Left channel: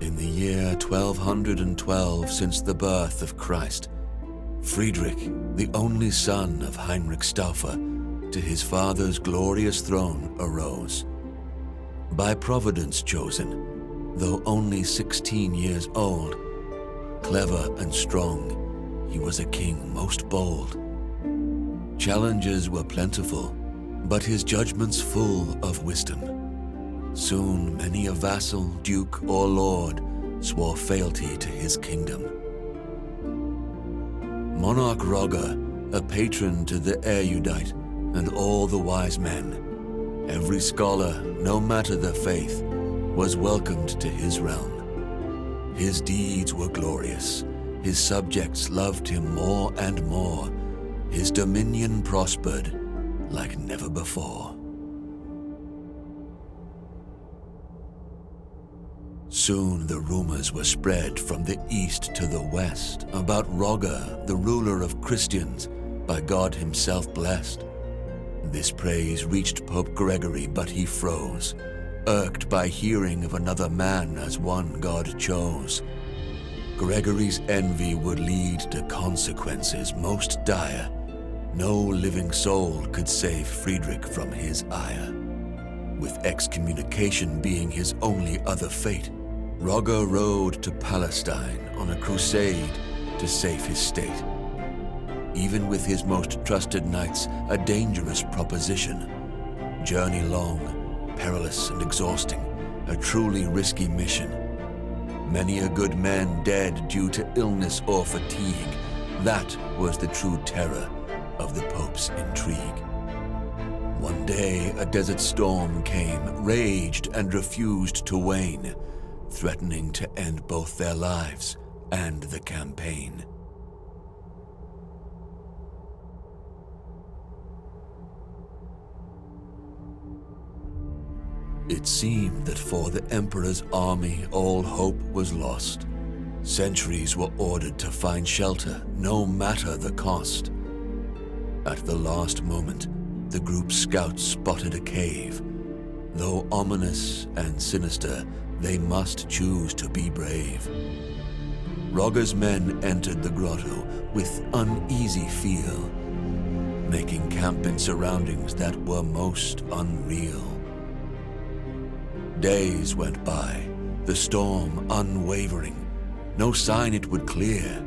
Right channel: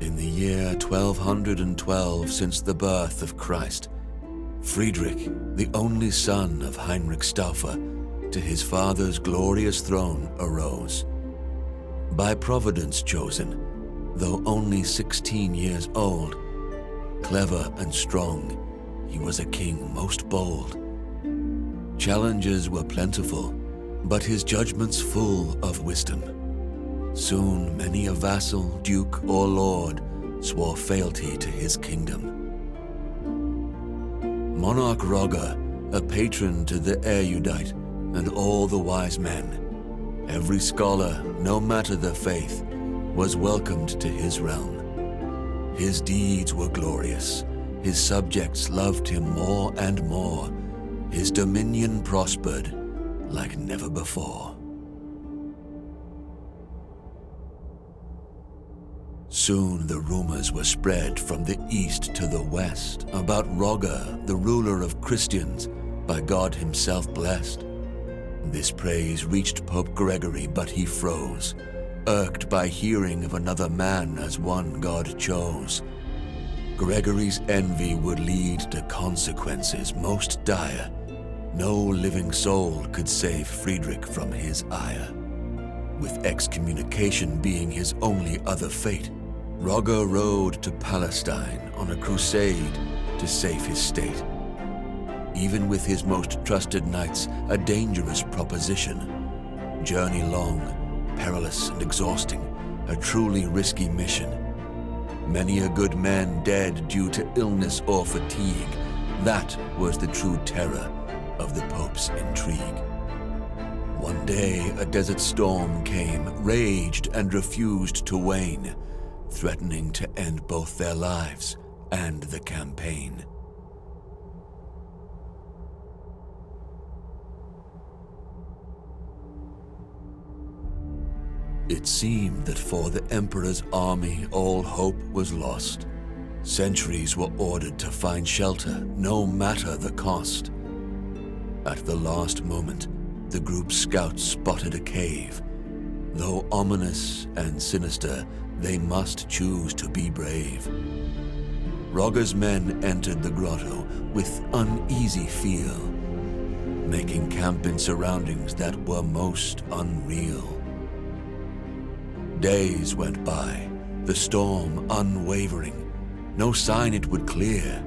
In the year 1212 since the birth of Christ, Friedrich, the only son of Heinrich Stauffer, to his father's glorious throne arose. By Providence chosen, though only 16 years old, clever and strong, he was a king most bold. Challenges were plentiful, but his judgments full of wisdom. Soon many a vassal, duke, or lord swore fealty to his kingdom. Monarch Roger, a patron to the erudite and all the wise men, every scholar, no matter the faith, was welcomed to his realm. His deeds were glorious, his subjects loved him more and more, his dominion prospered like never before. Soon the rumors were spread from the east to the west about Roger, the ruler of Christians, by God himself blessed. This praise reached Pope Gregory, but he froze, irked by hearing of another man as one God chose. Gregory's envy would lead to consequences most dire. No living soul could save Friedrich from his ire. With excommunication being his only other fate, Roger rode to Palestine on a crusade to save his state. Even with his most trusted knights, a dangerous proposition. Journey long, perilous and exhausting, a truly risky mission. Many a good man dead due to illness or fatigue. That was the true terror of the Pope's intrigue. One day a desert storm came, raged and refused to wane, threatening to end both their lives and the campaign. It seemed that for the Emperor's army all hope was lost. Sentries were ordered to find shelter, no matter the cost. At the last moment, the group's scouts spotted a cave. Though ominous and sinister, they must choose to be brave. Roger's men entered the grotto with uneasy feel, making camp in surroundings that were most unreal. Days went by, the storm unwavering, no sign it would clear.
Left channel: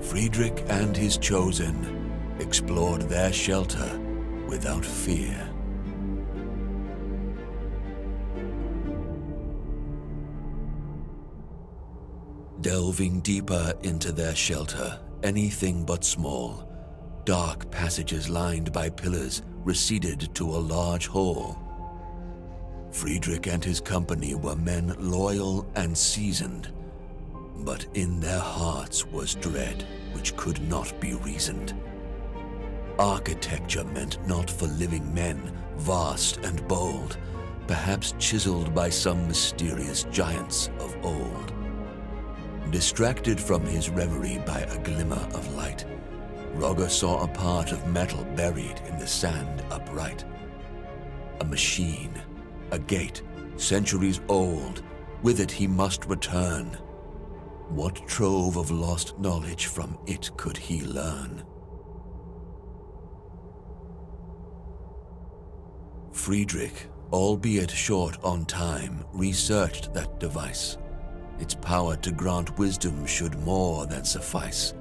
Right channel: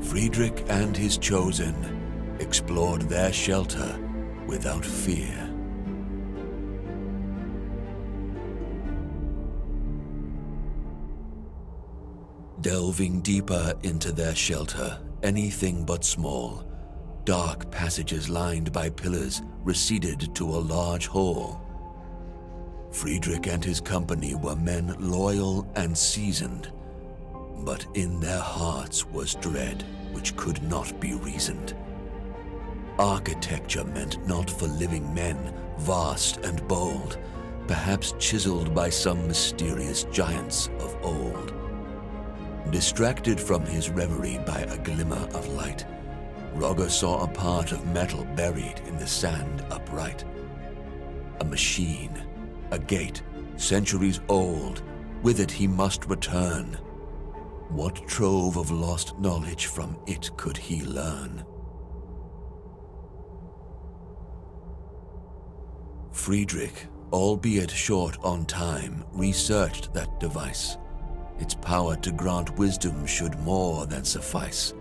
Friedrich and his chosen explored their shelter without fear. Delving deeper into their shelter, anything but small, dark passages lined by pillars receded to a large hall. Friedrich and his company were men loyal and seasoned, but in their hearts was dread which could not be reasoned. Architecture meant not for living men, vast and bold, perhaps chiseled by some mysterious giants of old. Distracted from his reverie by a glimmer of light, Roger saw a part of metal buried in the sand upright. A machine, a gate, centuries old, with it he must return. What trove of lost knowledge from it could he learn? Friedrich, albeit short on time, researched that device. Its power to grant wisdom should more than suffice.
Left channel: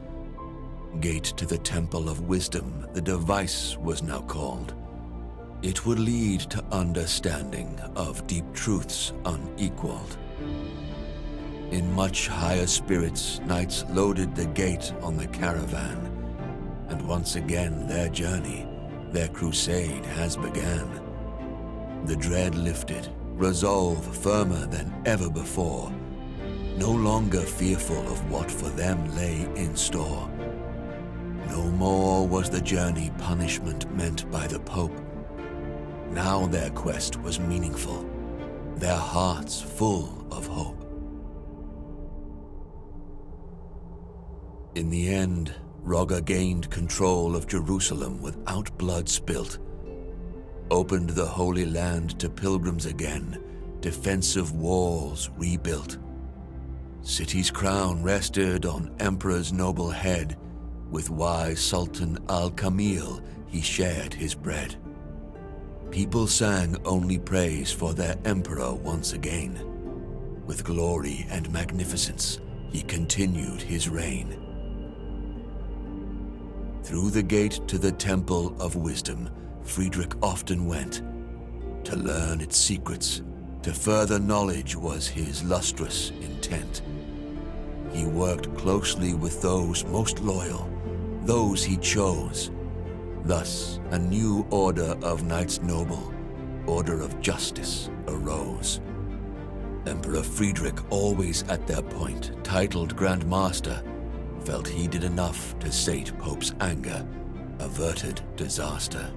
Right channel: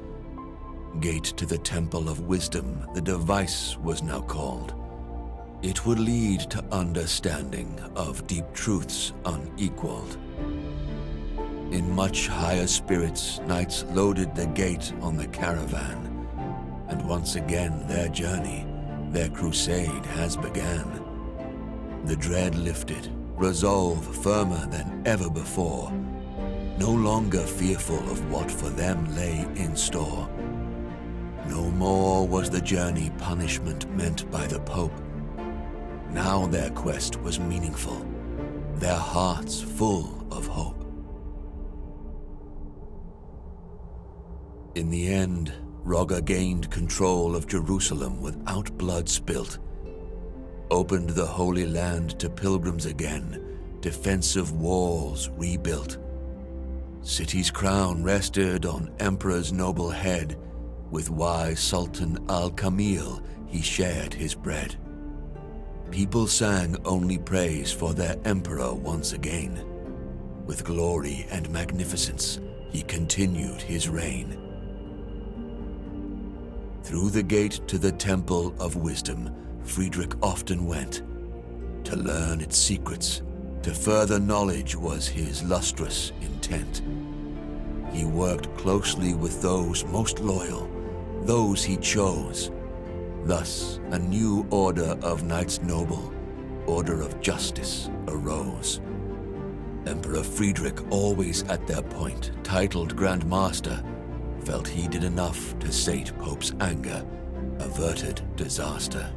Gate to the Temple of Wisdom, the device was now called. It would lead to understanding of deep truths unequaled. In much higher spirits, knights loaded the gate on the caravan, and once again their journey, their crusade has began. The dread lifted, resolve firmer than ever before, no longer fearful of what for them lay in store. No more was the journey punishment meant by the Pope. Now their quest was meaningful, their hearts full of hope. In the end, Roger gained control of Jerusalem without blood spilt, opened the Holy Land to pilgrims again, defensive walls rebuilt. City's crown rested on emperor's noble head. With wise Sultan al-Kamil he shared his bread. People sang only praise for their emperor once again. With glory and magnificence he continued his reign. Through the gate to the Temple of Wisdom, Friedrich often went. To learn its secrets, to further knowledge was his lustrous intent. He worked closely with those most loyal, those he chose. Thus, a new order of Knights Noble, order of justice, arose. Emperor Friedrich, always at their point, titled Grand Master, felt he did enough to sate Pope's anger, averted disaster.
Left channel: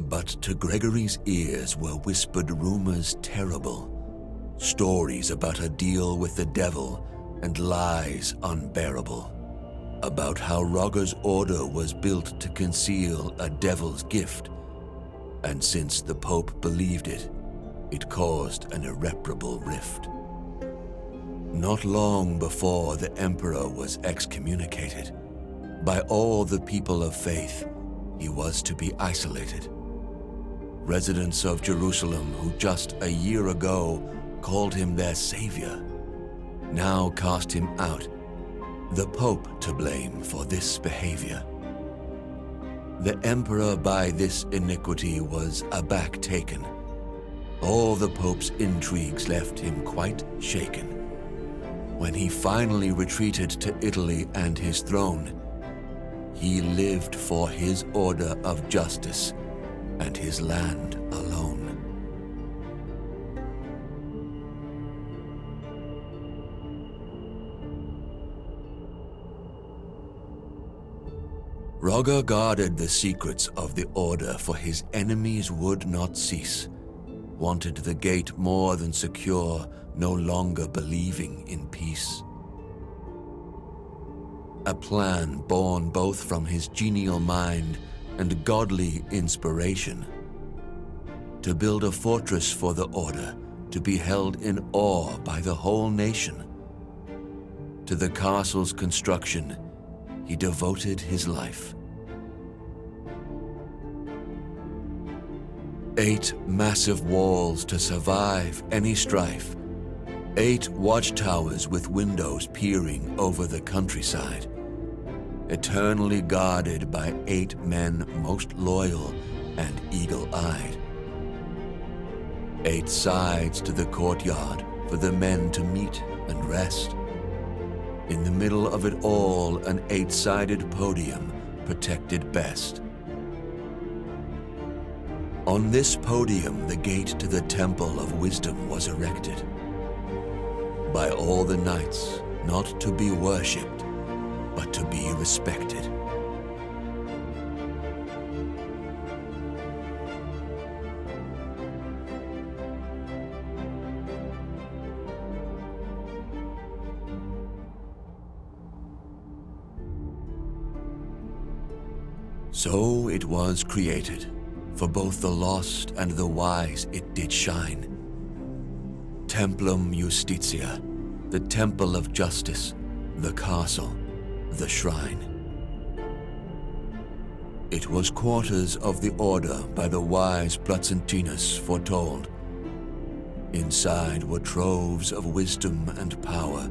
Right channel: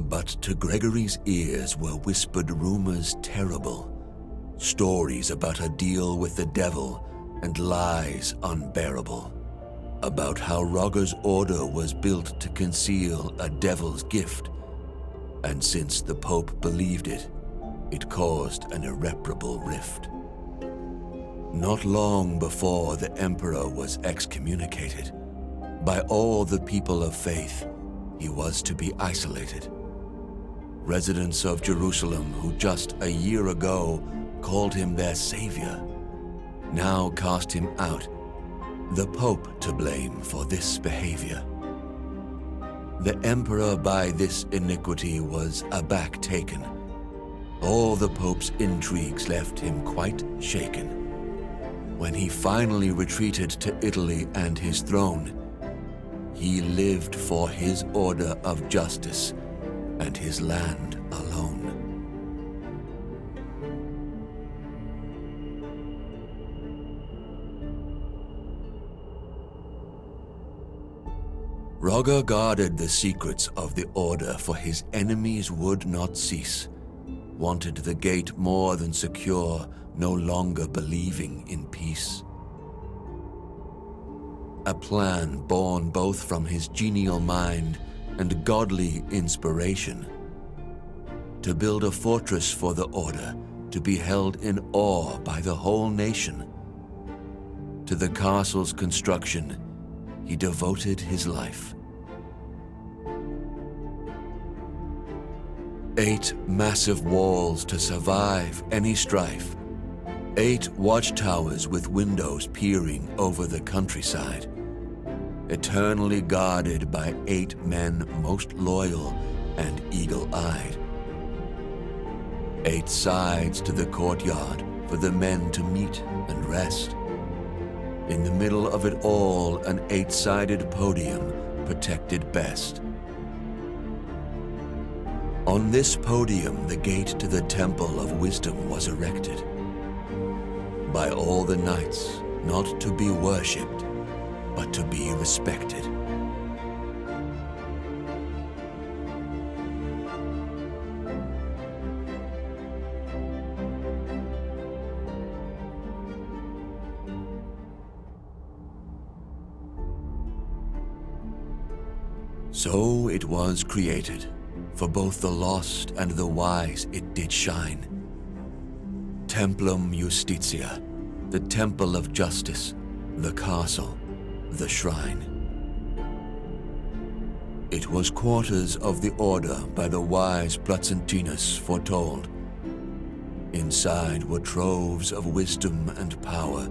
But to Gregory's ears were whispered rumors terrible, stories about a deal with the devil and lies unbearable, about how Roger's order was built to conceal a devil's gift, and since the Pope believed it, it caused an irreparable rift. Not long before the Emperor was excommunicated, by all the people of faith, he was to be isolated. Residents of Jerusalem, who just a year ago called him their savior, now cast him out, the Pope to blame for this behavior. The Emperor by this iniquity was aback taken. All the Pope's intrigues left him quite shaken. When he finally retreated to Italy and his throne, he lived for his order of justice and his land alone. Roger guarded the secrets of the order, for his enemies would not cease. Wanted the gate more than secure, no longer believing in peace. A plan born both from his genial mind and godly inspiration, to build a fortress for the order, to be held in awe by the whole nation. To the castle's construction, he devoted his life. 8 massive walls to survive any strife, 8 watchtowers with windows peering over the countryside, eternally guarded by 8 men most loyal and eagle-eyed. 8 sides to the courtyard for the men to meet and rest. In the middle of it all, an 8-sided podium protected best. On this podium, the gate to the Temple of Wisdom was erected. By all the knights, not to be worshipped, but to be respected. So it was created. For both the lost and the wise it did shine. Templum Justitia, the temple of justice, the castle, the shrine. It was quarters of the order by the wise Placentinus foretold. Inside were troves of wisdom and power,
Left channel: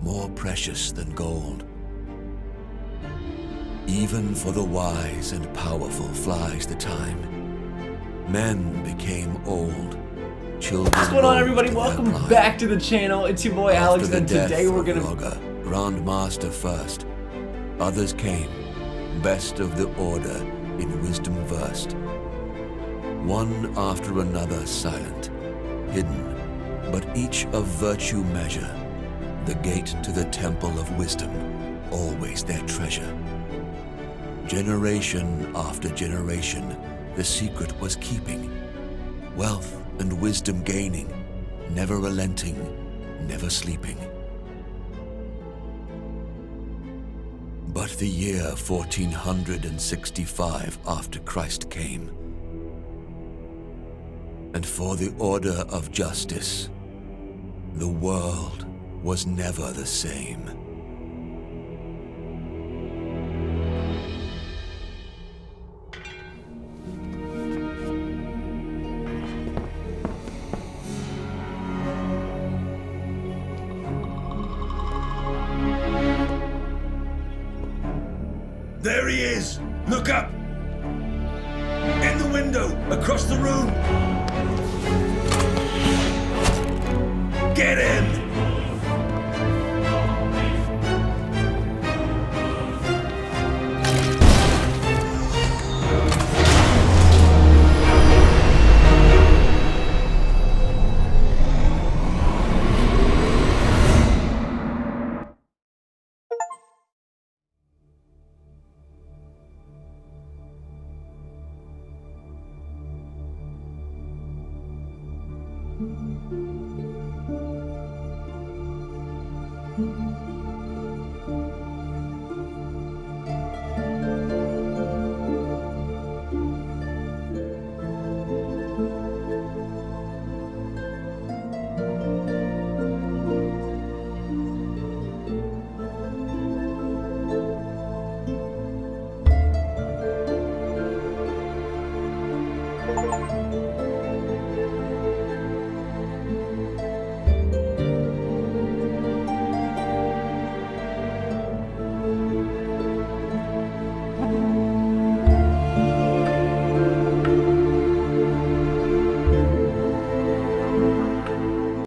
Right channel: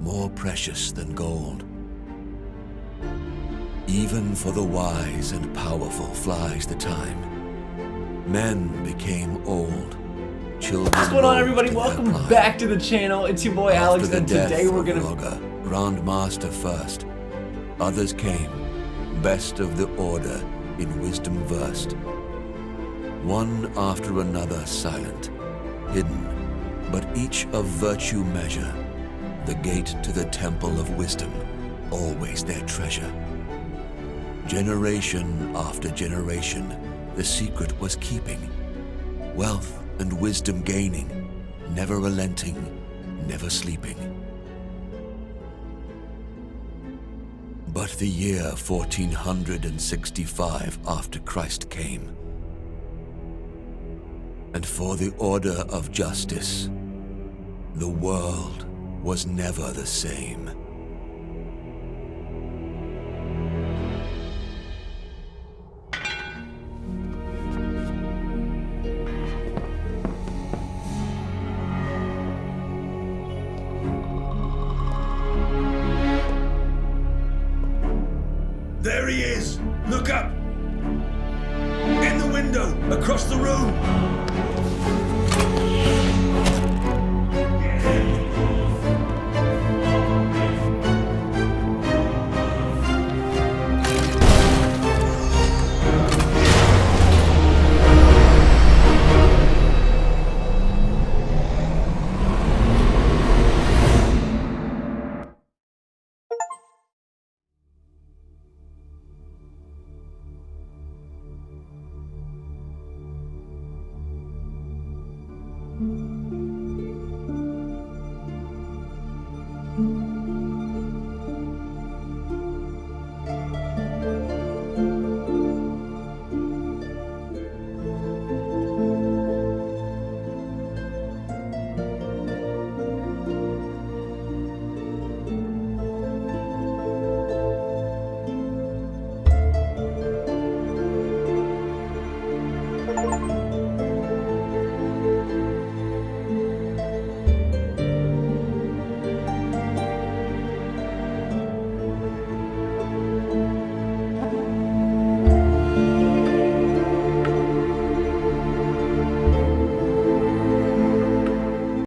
more precious than gold. Even for the wise and powerful flies the time. Men became old. Children. What's going on, everybody? Welcome back to the channel. It's your boy Alex, and today we're gonna Grand Master first. Others came, best of the order, in wisdom versed. One after another silent, hidden, but each of virtue measure. The gate to the temple of wisdom, always their treasure. Generation after generation, the secret was keeping, wealth and wisdom gaining, never relenting, never sleeping. But the year 1465 after Christ came, and for the order of justice, the world was never the same. There he is! Look up! In the window, across the room!